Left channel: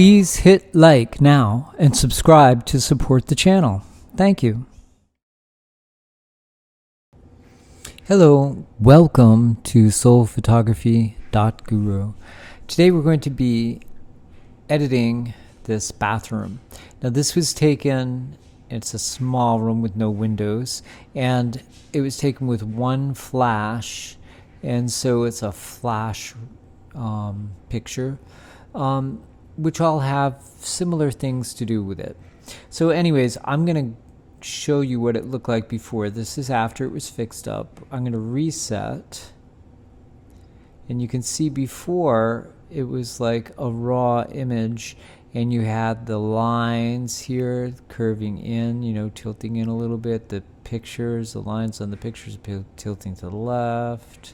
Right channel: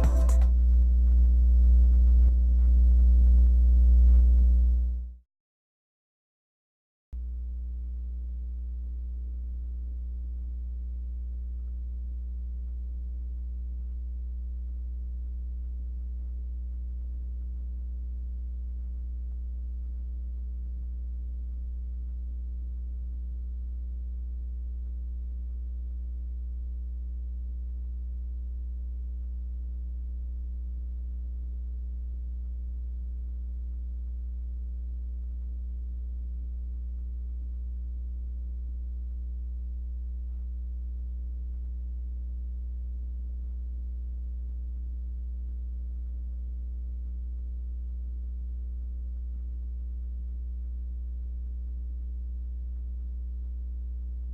Please hit like now and subscribe to support the channel. Thank you. Hello, welcome to soulphotography.guru. Today we're going to be editing this bathroom. Now this was taken, it's a small room with no windows, and it was taken with one flash, and so it's a flash picture, which all have similar things to do with it. So anyways, I'm going to show you what it looked like before. This is after it was fixed up. I'm going to reset, and you can see before it was like a raw image, and you had the lines here curving in, you know, tilting in a little bit. The lines on the pictures tilting to the left,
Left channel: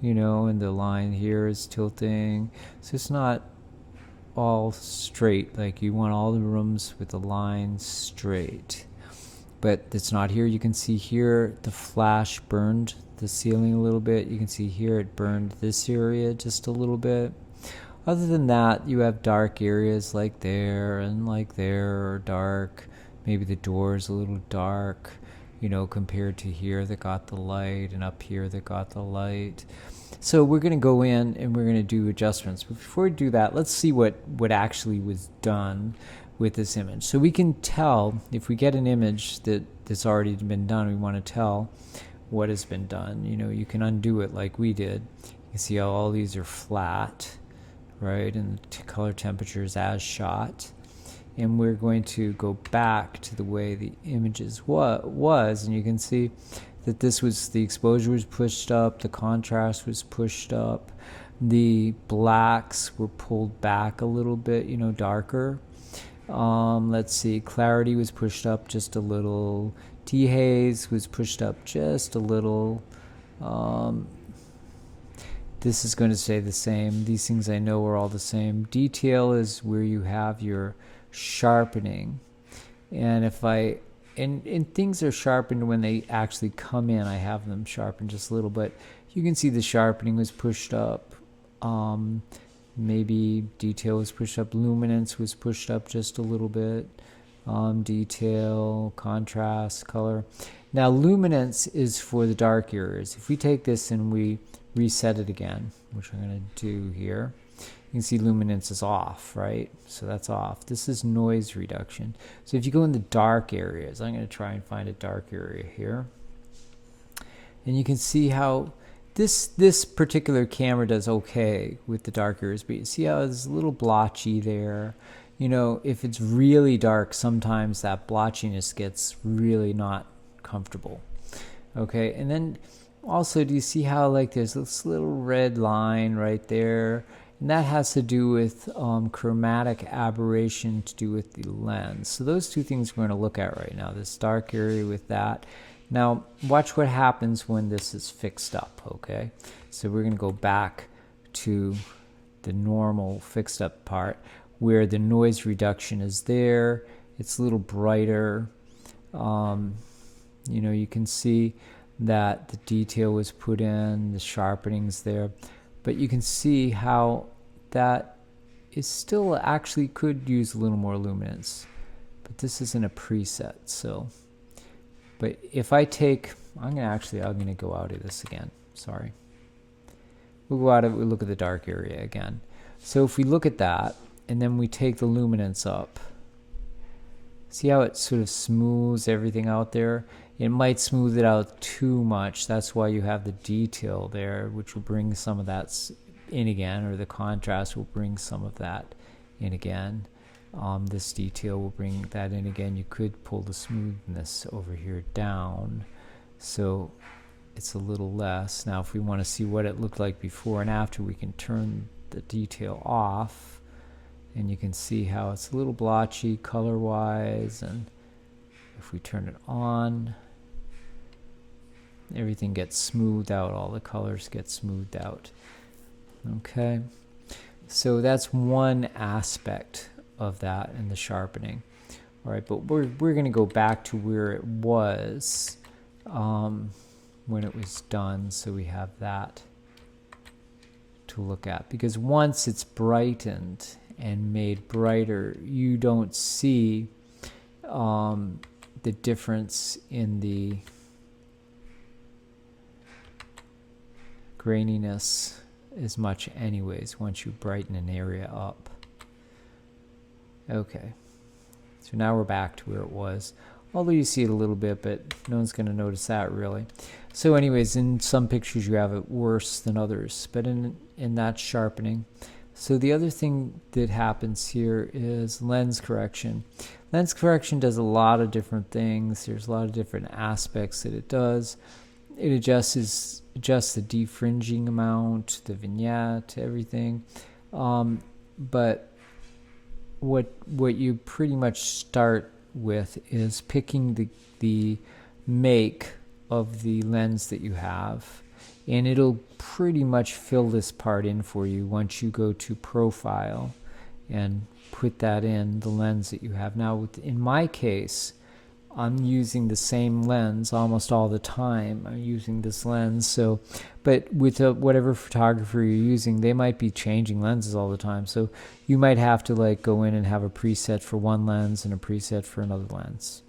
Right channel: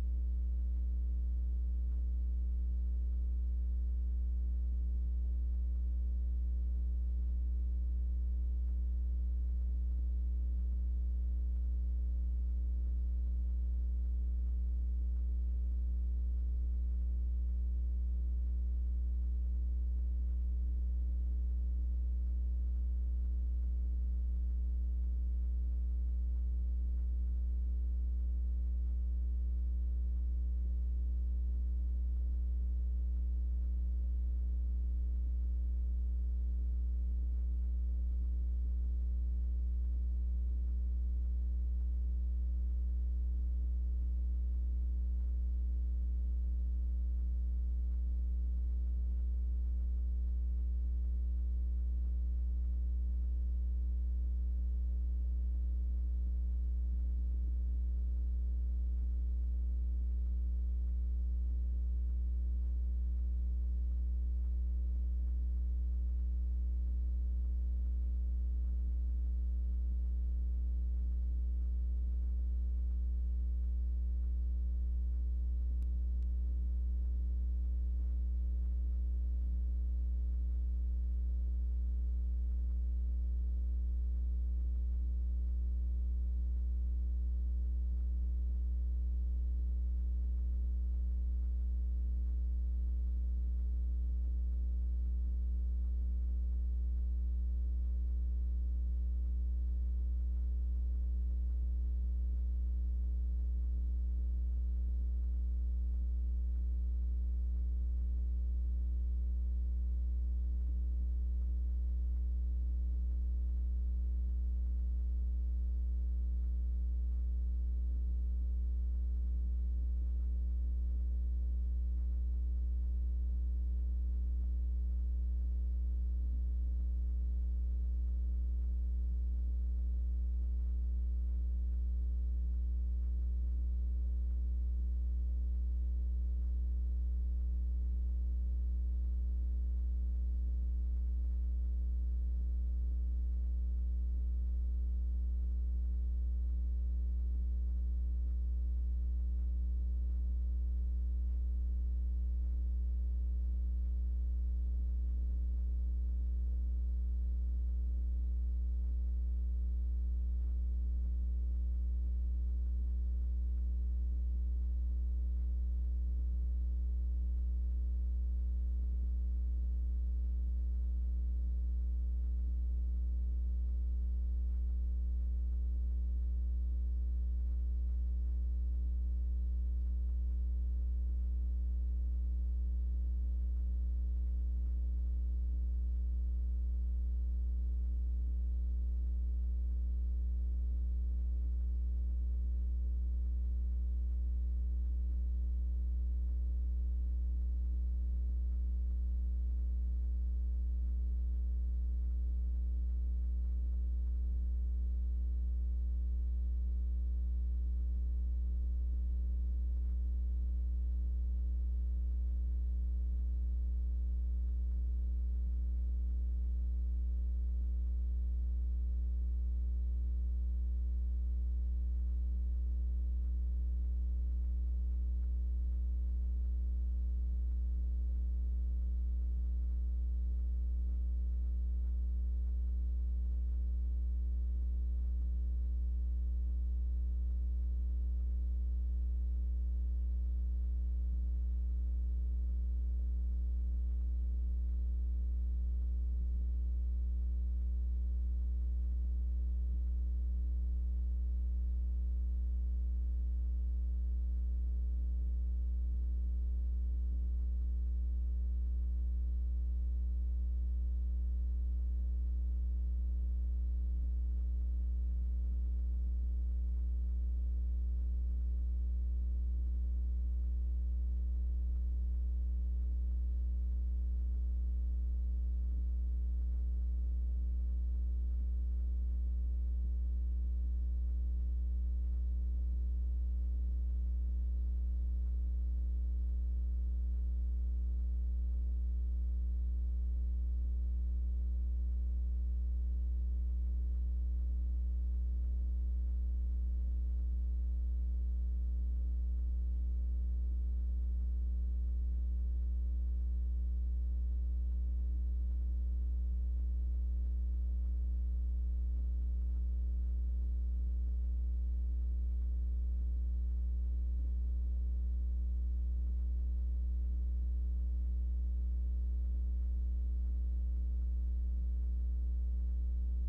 you know, and the line here is tilting. So it's not all straight. Like, you want all the rooms with the lines straight, but it's not here. You can see here the flash burned the ceiling a little bit. You can see here it burned this area just a little bit. Other than that, you have dark areas like there and like there, or dark. Maybe the door is a little dark, you know, compared to here that got the light, and up here that got the light. So we're going to go in and we're going to do adjustments. But before we do that, let's see what actually was done with this image. So we can tell, if we get an image that's already been done, we want to tell what has been done. You know, you can undo it like we did. You can see how all these are flat, right, and the color temperatures as shot. And we're going to go back to the way the images was, and you can see that this was, the exposure was pushed up, the contrast was pushed up, the blacks were pulled back a little bit, you know, darker. Let's see, clarity was pushed up just a little, dehaze was pushed up just a little. This is going to stay the same. These things I know are all the same. Detail is where you have your sharpening, and if I and things are sharpened when they actually come in. I have them sharpened just a little bit. You can see the sharpening was pushed up. Maybe detail was pushed up. Luminance was pushed up just a little bit. Detail, contrast, color. Now luminance is for the dark areas. If we take this and we reset it again, which I'm going to do here, you can see luminance is off, right? So that's off. This is noise reduction. So if you go in the dark areas, I'm going to try and find a dark area here, and you can see how this particular camera does okay with the dark areas, but you see how it's a little blotchy there. You know, if it's really dark, sometimes that blotchiness gets really not comfortable. Okay, and then also, do you see how, like, there's this little red line right there? And that has to do with chromatic aberration to do with the lens. So those two things we're going to look at right now, this dark area with that. Now watch what happens when this is fixed up, okay? So we're going to go back to the normal fixed up part where the noise reduction is there. It's a little brighter. You know, you can see that the detail was put in, the sharpening's there, but you can see how that is still actually could use a little more luminance, but this isn't a preset. So, but if I take, I'm gonna go out of this again, sorry. We'll go out of it, we'll look at the dark area again. So if we look at that, and then we take the luminance up, see how it sort of smooths everything out there? It might smooth it out too much. That's why you have the detail there, which will bring some of that in again, or the contrast will bring some of that in again. This detail will bring that in again. You could pull the smoothness over here down, so it's a little less. Now if we want to see what it looked like before and after, we can turn the detail off, and you can see how it's a little blotchy color wise, and if we turn it on, everything gets smoothed out, all the colors get smoothed out. Okay, so that's one aspect of that in the sharpening. All right, but we're going to go back to where it was when it was done, so we have that to look at, because once it's brightened and made brighter, you don't see the difference in the graininess as much anyways once you brighten an area up. Okay, so now we're back to where it was, although you see it a little bit, but no one's going to notice that really. So anyways, in some pictures you have it worse than others, but in that sharpening. So the other thing that happens here is lens correction. Lens correction does a lot of different things. There's a lot of different aspects that it does. It adjusts the defringing amount, the vignette, everything. But what you pretty much start with is picking the make of the lens that you have, and it'll pretty much fill this part in for you once you go to profile and put that in the lens that you have. Now in my case, I'm using the same lens almost all the time. I'm using this lens, so, but with whatever photographer you're using, they might be changing lenses all the time. So you might have to like go in and have a preset for one lens and a preset for another lens.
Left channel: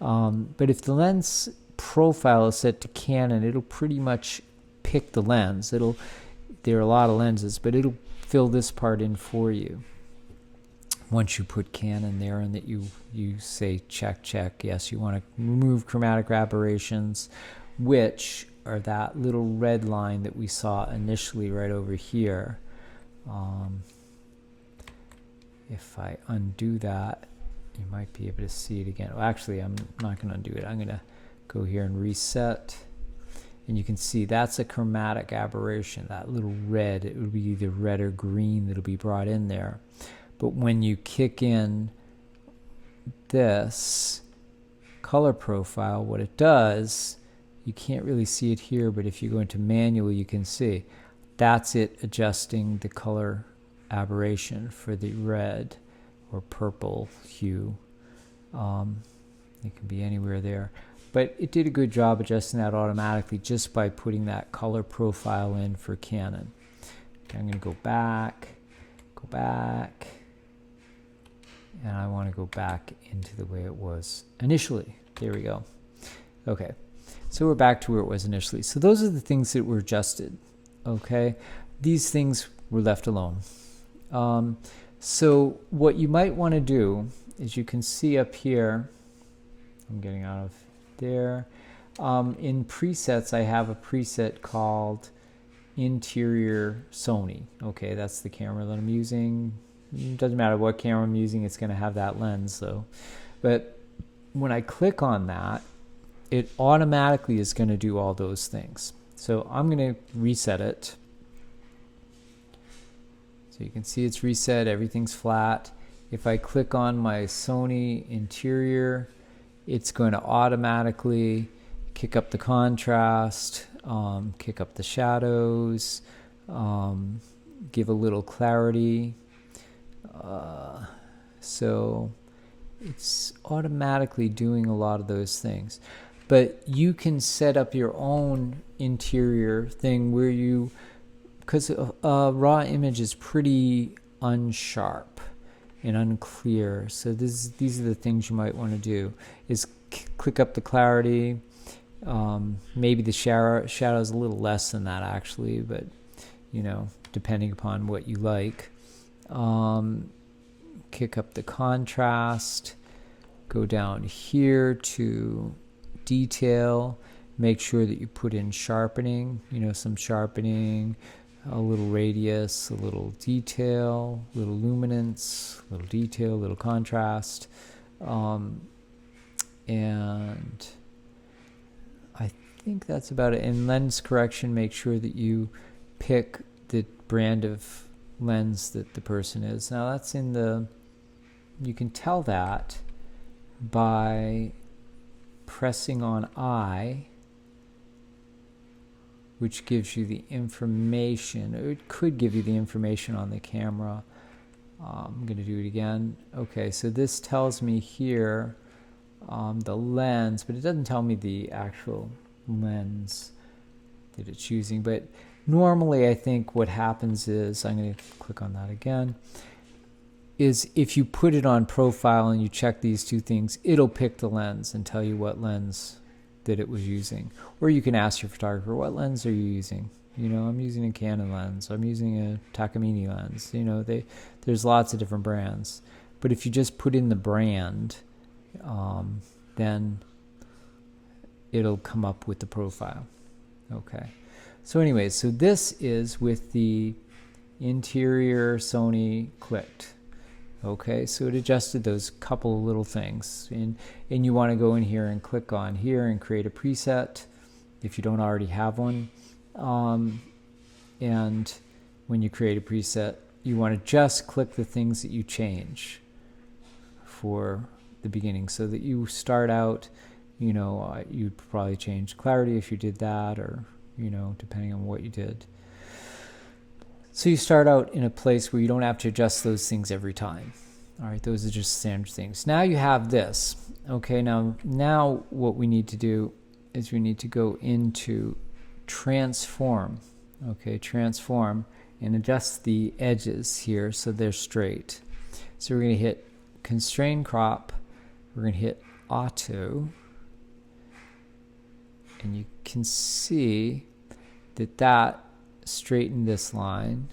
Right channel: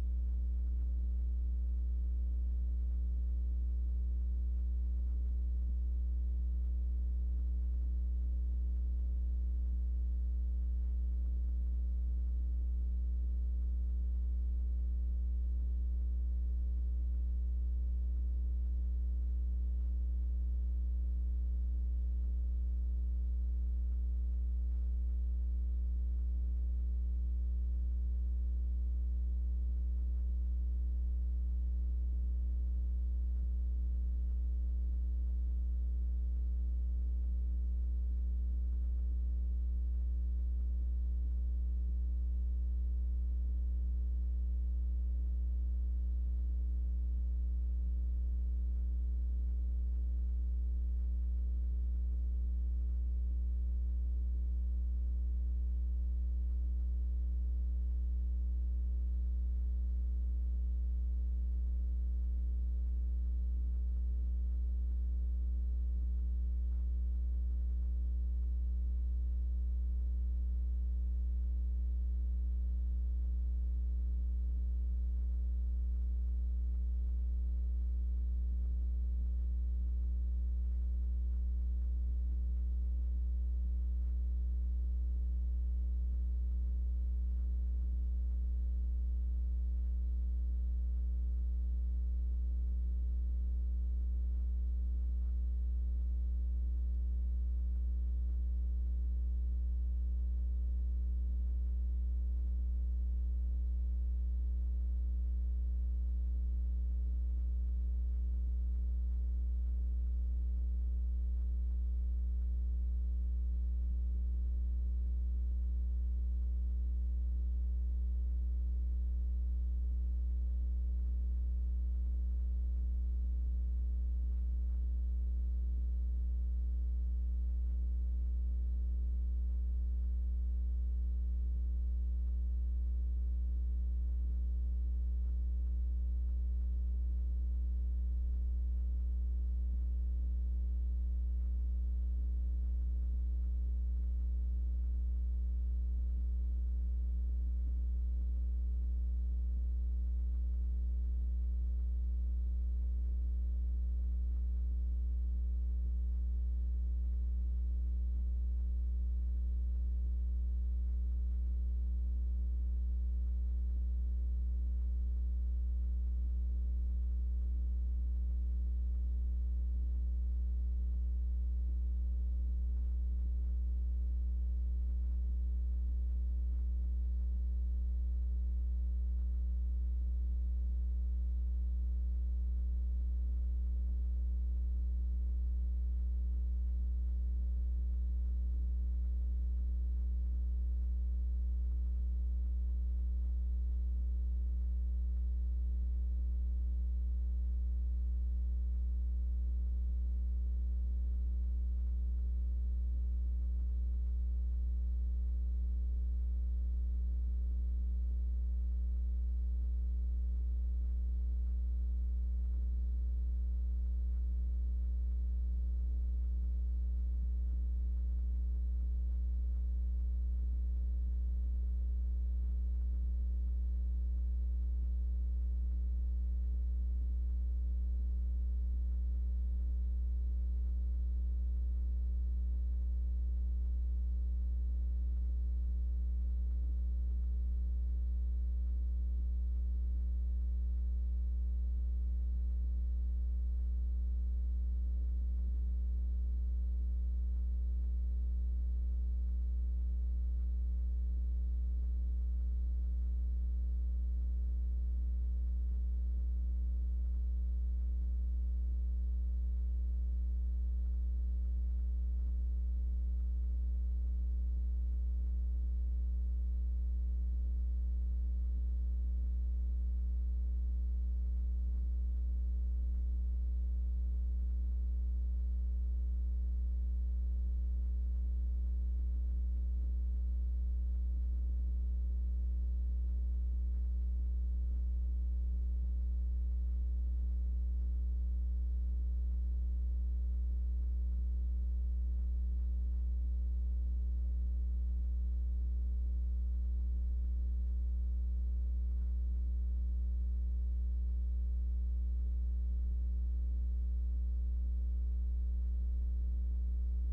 But if the lens profile is set to Canon, it'll pretty much pick the lens. There are a lot of lenses, but it'll fill this part in for you once you put Canon there and that you say check, yes, you want to remove chromatic aberrations, which are that little red line that we saw initially right over here. If I undo that, you might be able to see it again. Well, actually, I'm not going to undo it. I'm going to go here and reset, and you can see that's a chromatic aberration, that little red. It would be either red or green that'll be brought in there. But when you kick in this color profile, what it does, you can't really see it here, but if you go into manual, you can see that's it adjusting the color aberration for the red or purple hue. It can be anywhere there, but it did a good job adjusting that automatically just by putting that color profile in for Canon. Okay, I'm going to go back, and I want to go back into the way it was initially. There we go. Okay, so we're back to where it was initially. So those are the things that were adjusted. Okay, these things were left alone. So what you might want to do is, you can see up here, I'm getting out of there, in presets I have a preset called Interior Sony. Okay, that's the camera that I'm using. It doesn't matter what camera I'm using, it's going to have that lens though. But when I click on that, it automatically is going to do all those things. So I'm going to reset it. So you can see it's reset, everything's flat. If I click on my Sony interior, it's going to automatically kick up the contrast, kick up the shadows, give a little clarity. So it's automatically doing a lot of those things. But you can set up your own interior thing where you, because a raw image is pretty unsharp and unclear, so these are the things you might want to do, is click up the clarity, maybe the shadow's a little less than that actually, but you know, depending upon what you like. Kick up the contrast, go down here to detail, make sure that you put in sharpening, you know, some sharpening, a little radius, a little detail, a little luminance, a little detail, a little contrast, and I think that's about it. In lens correction, make sure that you pick the brand of lens that the person is. Now that's in the, you can tell that by pressing on I, which gives you the information. It could give you the information on the camera. I'm going to do it again. Okay, so this tells me here the lens, but it doesn't tell me the actual lens that it's using. But normally I think what happens is, I'm going to click on that again. is if you put it on profile and you check these two things, it'll pick the lens and tell you what lens that it was using. Or you can ask your photographer, what lens are you using? I'm using a Canon lens. I'm using a Takamine lens. There's lots of different brands. But if you just put in the brand, then it'll come up with the profile. Okay. So anyways, so this is with the interior Sony clicked. Okay, so it adjusted those couple of little things, and you want to go in here and click on here and create a preset if you don't already have one. And when you create a preset, you want to just click the things that you change for the beginning, so that you start out, you'd probably change clarity if you did that, or depending on what you did. So you start out in a place where you don't have to adjust those things every time. All right, those are just standard things. Now you have this. Okay, now what we need to do is we need to go into transform. Okay, transform, and adjust the edges here so they're straight. So we're going to hit constrain crop. We're going to hit auto. And you can see that straighten this line.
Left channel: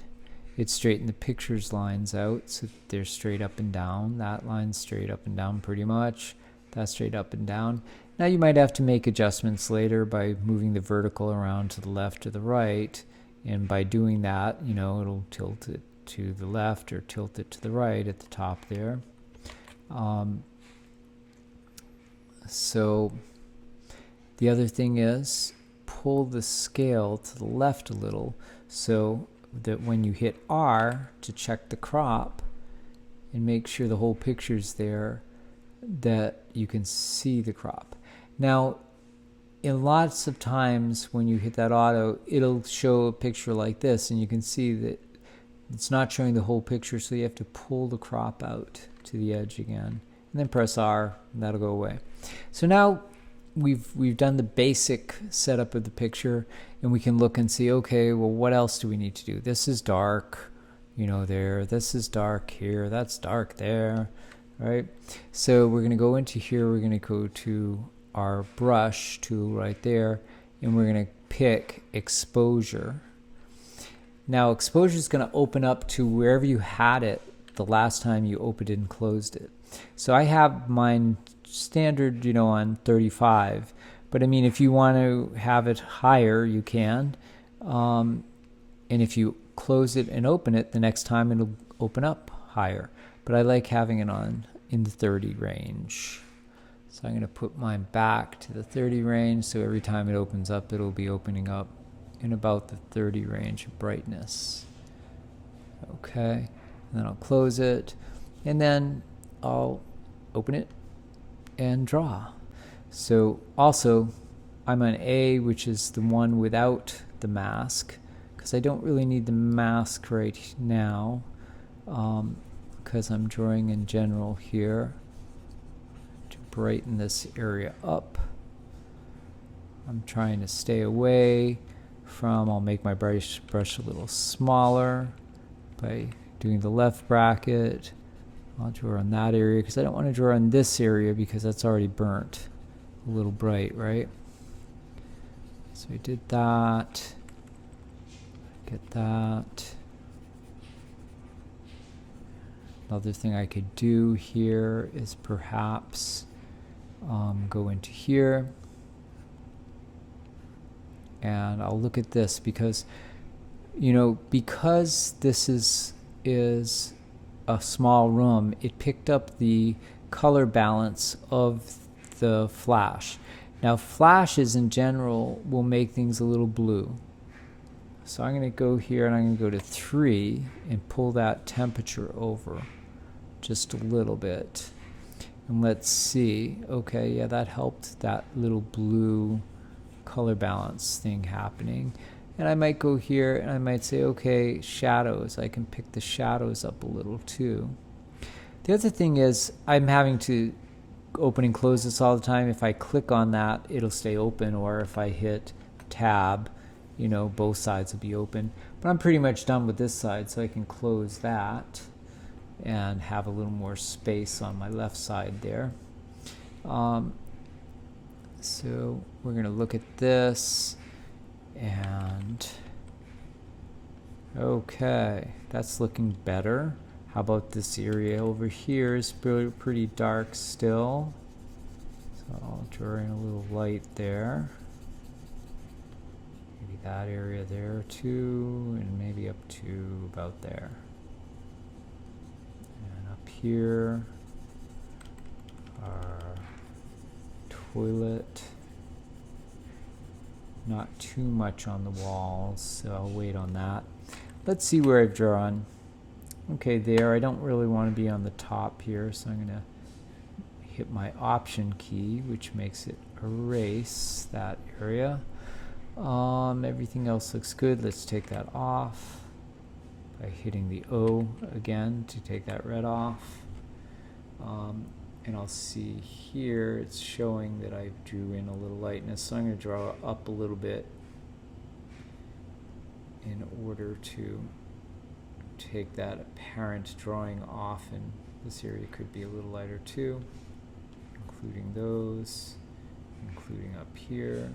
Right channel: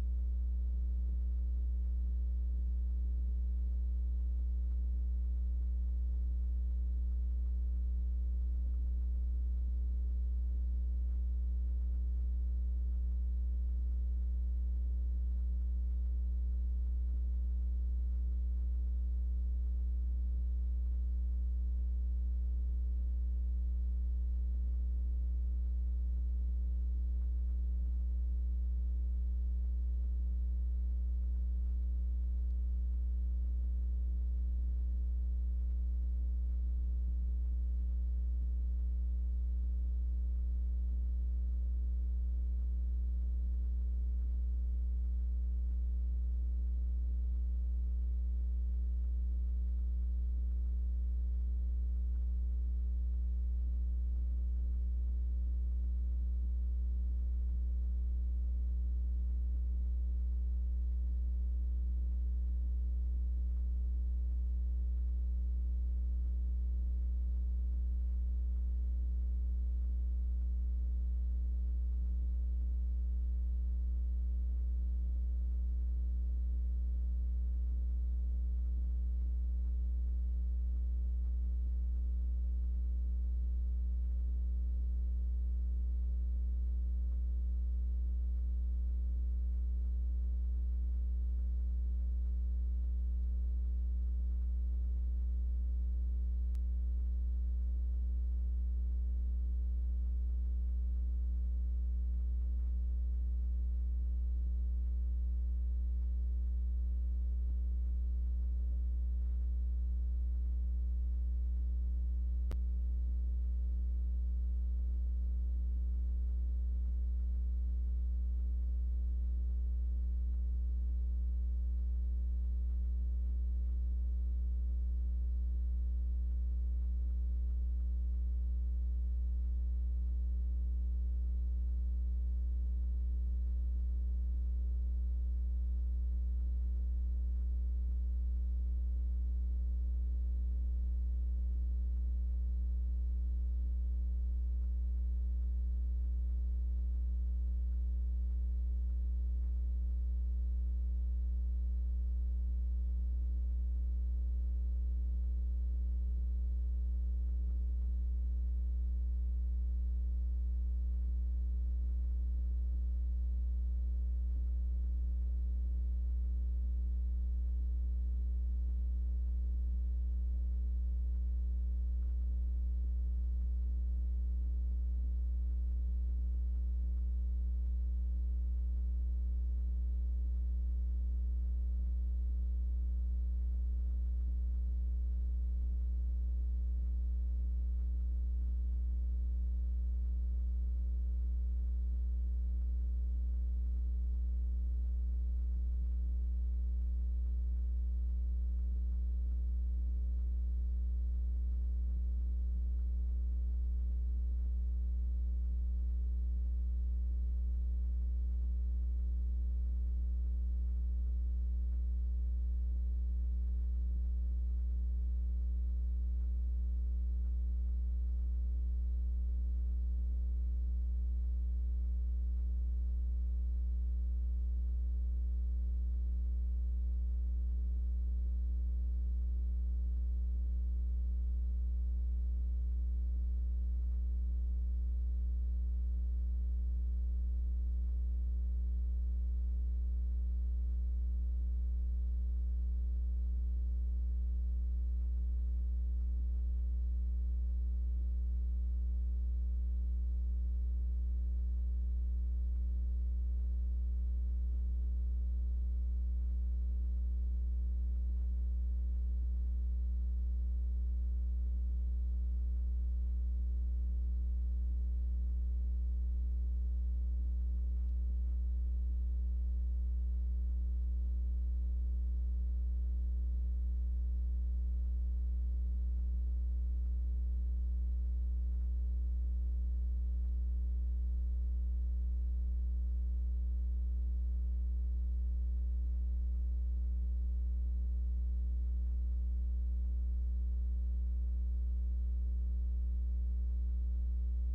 It straightened the pictures lines out, so they're straight up and down. That line's straight up and down pretty much. That's straight up and down. Now you might have to make adjustments later by moving the vertical around to the left or the right, and by doing that, it'll tilt it to the left or tilt it to the right at the top there. So the other thing is pull the scale to the left a little, so that when you hit R to check the crop and make sure the whole picture's there, that you can see the crop. Now, in lots of times when you hit that auto, it'll show a picture like this, and you can see that it's not showing the whole picture, so you have to pull the crop out to the edge again, and then press R, and that'll go away. So now we've done the basic setup of the picture, and we can look and see, okay, well, what else do we need to do? This is dark, there. This is dark here. That's dark there, right? So we're going to go into here. We're going to go to our brush tool right there, and we're going to pick exposure. Now, exposure is going to open up to wherever you had it the last time you opened it and closed it. So I have mine standard, on 35, but I mean, if you want to have it higher, you can, and if you close it and open it, the next time it'll open up higher, but I like having it on in the 30 range. So I'm going to put mine back to the 30 range, so every time it opens up, it'll be opening up in about the 30 range of brightness. Okay, and then I'll close it, and then I'll open it and draw. So also, I'm on A, which is the one without the mask, because I don't really need the mask right now, because I'm drawing in general here to brighten this area up. I'm trying to stay away from, I'll make my brush a little smaller by doing the left bracket. I'll draw on that area because I don't want to draw on this area because that's already burnt a little bright, right? So we did that. Get that. Another thing I could do here is perhaps go into here, and I'll look at this because, because this is a small room, it picked up the color balance of the flash. Now, flashes in general will make things a little blue. So I'm going to go here and I'm going to go to 3 and pull that temperature over just a little bit. And let's see. Okay, yeah, that helped that little blue color balance thing happening. And I might go here and I might say, okay, shadows. I can pick the shadows up a little too. The other thing is I'm having to open and close this all the time. If I click on that, it'll stay open, or if I hit tab, both sides will be open. But I'm pretty much done with this side, so I can close that. and have a little more space on my left side there. So we're going to look at this, and okay, that's looking better. How about this area over here is pretty dark still, so I'll draw in a little light there. Maybe that area there too, and maybe up to about there. And up here, our toilet. Not too much on the walls, so I'll wait on that. Let's see where I've drawn. Okay, there. I don't really want to be on the top here, so I'm going to hit my Option key, which makes it erase that area. Everything else looks good. Let's take that off by hitting the O again to take that red off. And I'll see here it's showing that I drew in a little lightness, so I'm going to draw up a little bit in order to take that apparent drawing off, and this area could be a little lighter too, including those, including up here.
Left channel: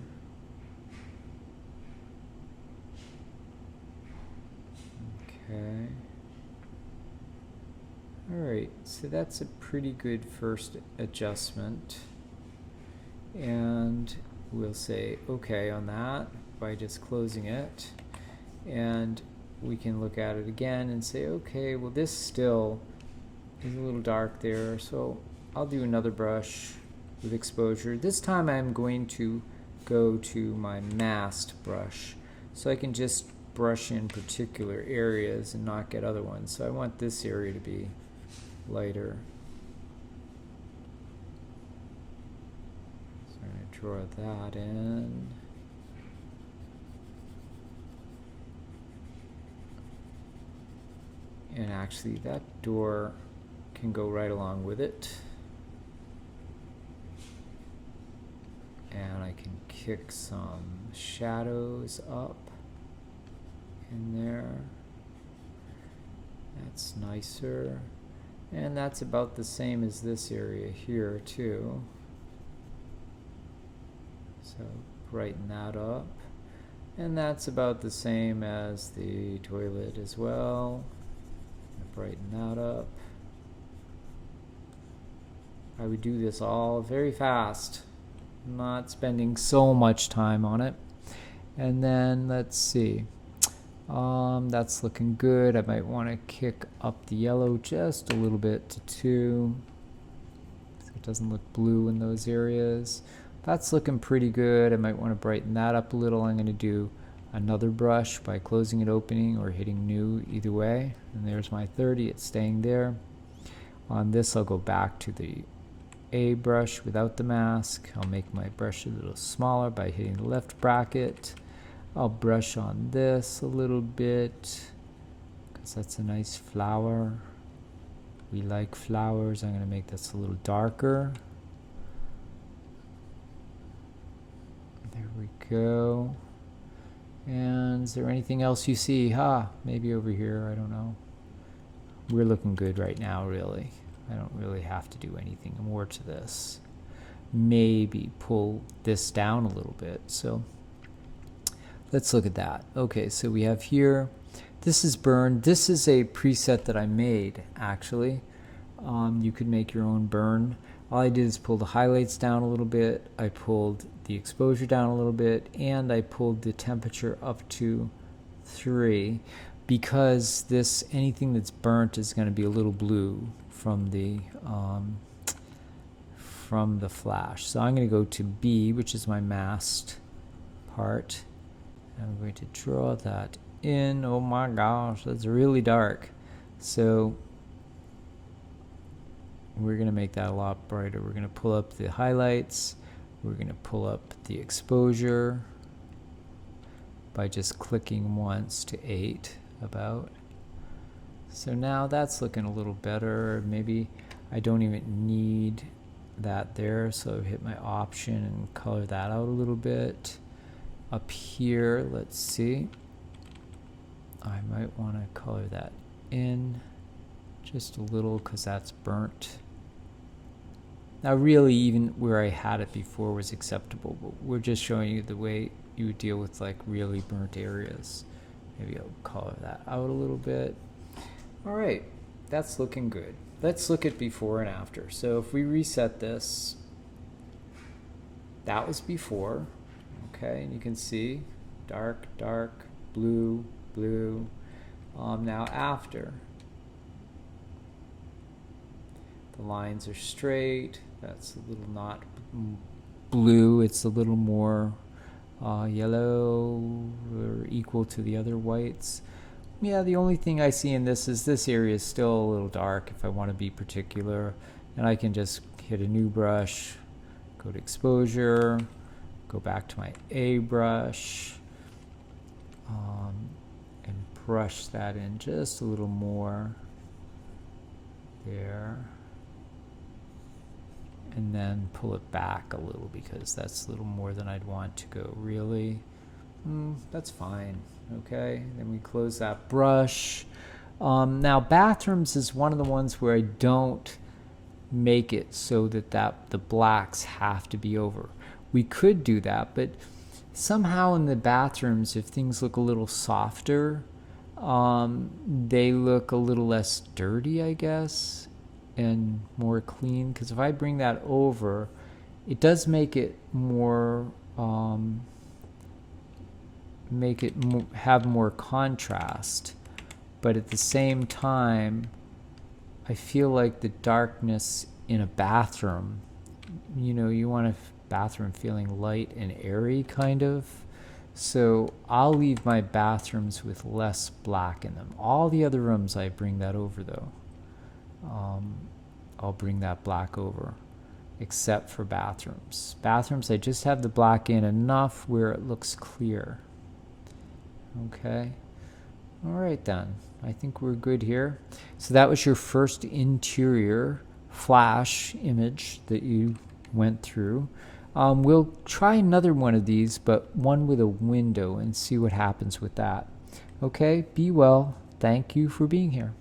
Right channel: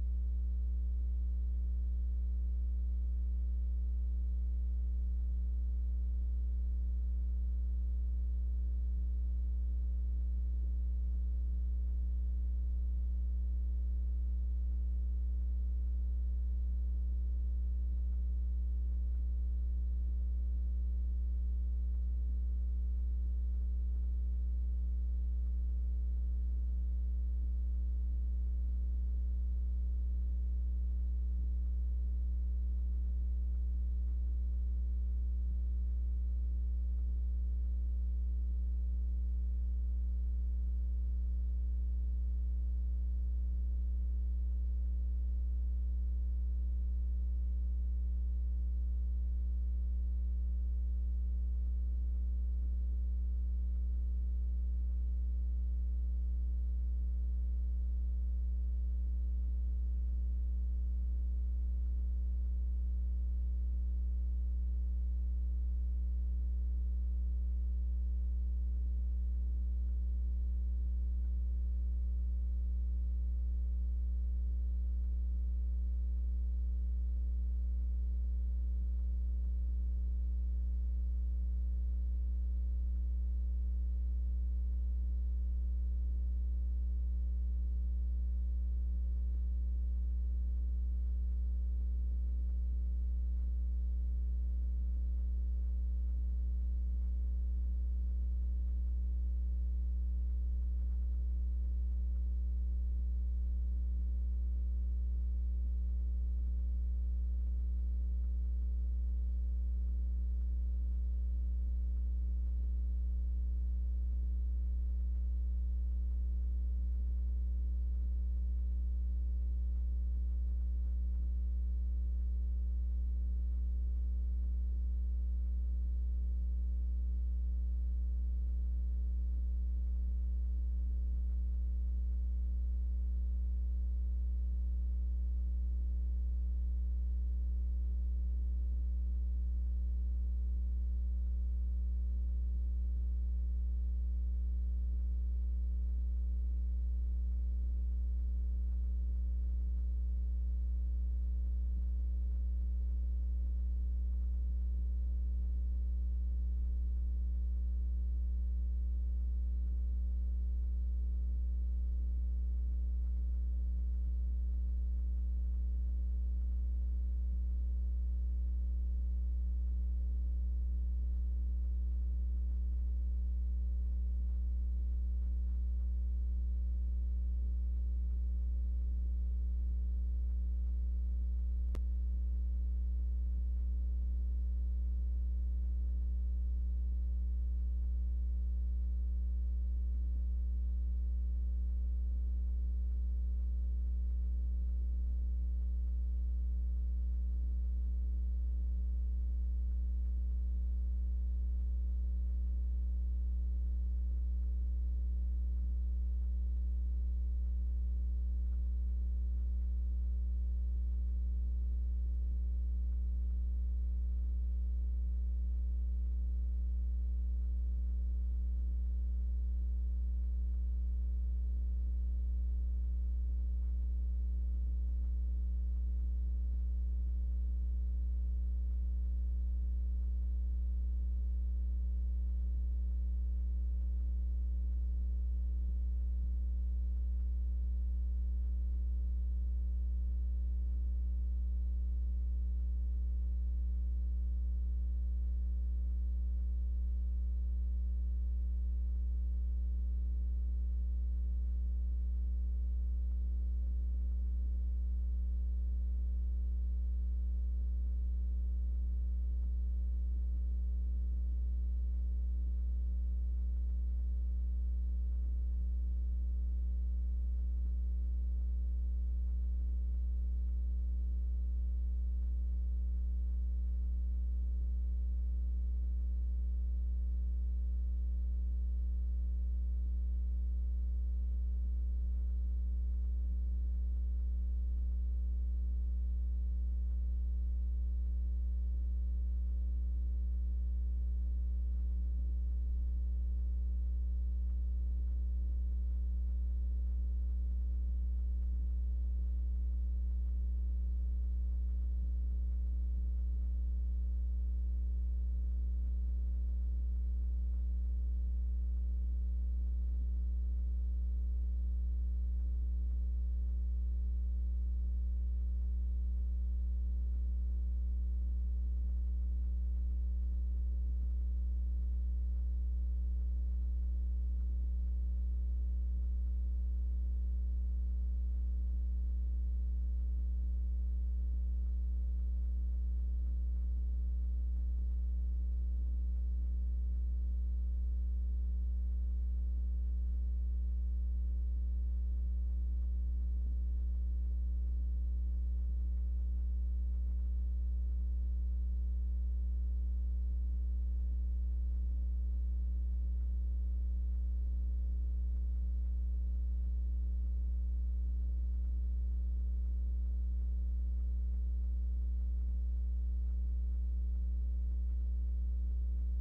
Okay. Alright, so that's a pretty good first adjustment, and we'll say okay on that by just closing it, and we can look at it again and say okay, well this still is a little dark there, so I'll do another brush with exposure. This time I'm going to go to my masked brush, so I can just brush in particular areas and not get other ones. So I want this area to be lighter. So I'm going to draw that in. And actually that door can go right along with it. And I can kick some shadows up in there. That's nicer. And that's about the same as this area here too. So brighten that up. And that's about the same as the toilet as well. Brighten that up. I would do this all very fast, not spending so much time on it. And then let's see. That's looking good. I might want to kick up the yellow just a little bit to 2, so it doesn't look blue in those areas. That's looking pretty good. I might want to brighten that up a little. I'm going to do another brush by closing it, opening, or hitting new, either way. And there's my 30. It's staying there. On this, I'll go back to the A brush without the mask. I'll make my brush a little smaller by hitting the left bracket. I'll brush on this a little bit because that's a nice flower. We like flowers. I'm going to make this a little darker. There we go. And is there anything else you see? Maybe over here, I don't know. We're looking good right now, really. I don't really have to do anything more to this. Maybe pull this down a little bit. So let's look at that. Okay, so we have here, this is burn. This is a preset that I made, actually. You could make your own burn. All I did is pull the highlights down a little bit. I pulled the exposure down a little bit, and I pulled the temperature up to 3, because anything that's burnt is going to be a little blue from the flash. So I'm going to go to B, which is my masked part. I'm going to draw that in. Oh my gosh, that's really dark. So we're going to make that a lot brighter. We're going to pull up the highlights. We're going to pull up the exposure by just clicking once to 8 about. So now that's looking a little better. Maybe I don't even need that there, so I hit my option and color that out a little bit. Up here, let's see, I might want to color that in just a little because that's burnt. Now really even where I had it before was acceptable, but we're just showing you the way you would deal with like really burnt areas. Maybe I'll color that out a little bit. All right, that's looking good. Let's look at before and after. So if we reset this, that was before, okay, and you can see dark, dark, blue, blue. Now after, the lines are straight. That's a little not blue. It's a little more yellow or equal to the other whites. Yeah, the only thing I see in this is this area is still a little dark if I want to be particular. And I can just hit a new brush, go to exposure, go back to my A brush, and brush that in just a little more there. And then pull it back a little because that's a little more than I'd want to go. Really? That's fine. Okay, then we close that brush. Now bathrooms is one of the ones where I don't make it so that the blacks have to be over. We could do that, but somehow in the bathrooms, if things look a little softer, they look a little less dirty, I guess, and more clean. Because if I bring that over, it does make it more have more contrast, but at the same time I feel like the darkness in a bathroom, you want a bathroom feeling light and airy kind of, so I'll leave my bathrooms with less black in them. All the other rooms I bring that over though. I'll bring that black over, except for bathrooms. Bathrooms I just have the black in enough where it looks clear. Okay, all right then, I think we're good here. So that was your first interior flash image that you went through. We'll try another one of these, but one with a window, and see what happens with that. Okay, be well. Thank you for being here.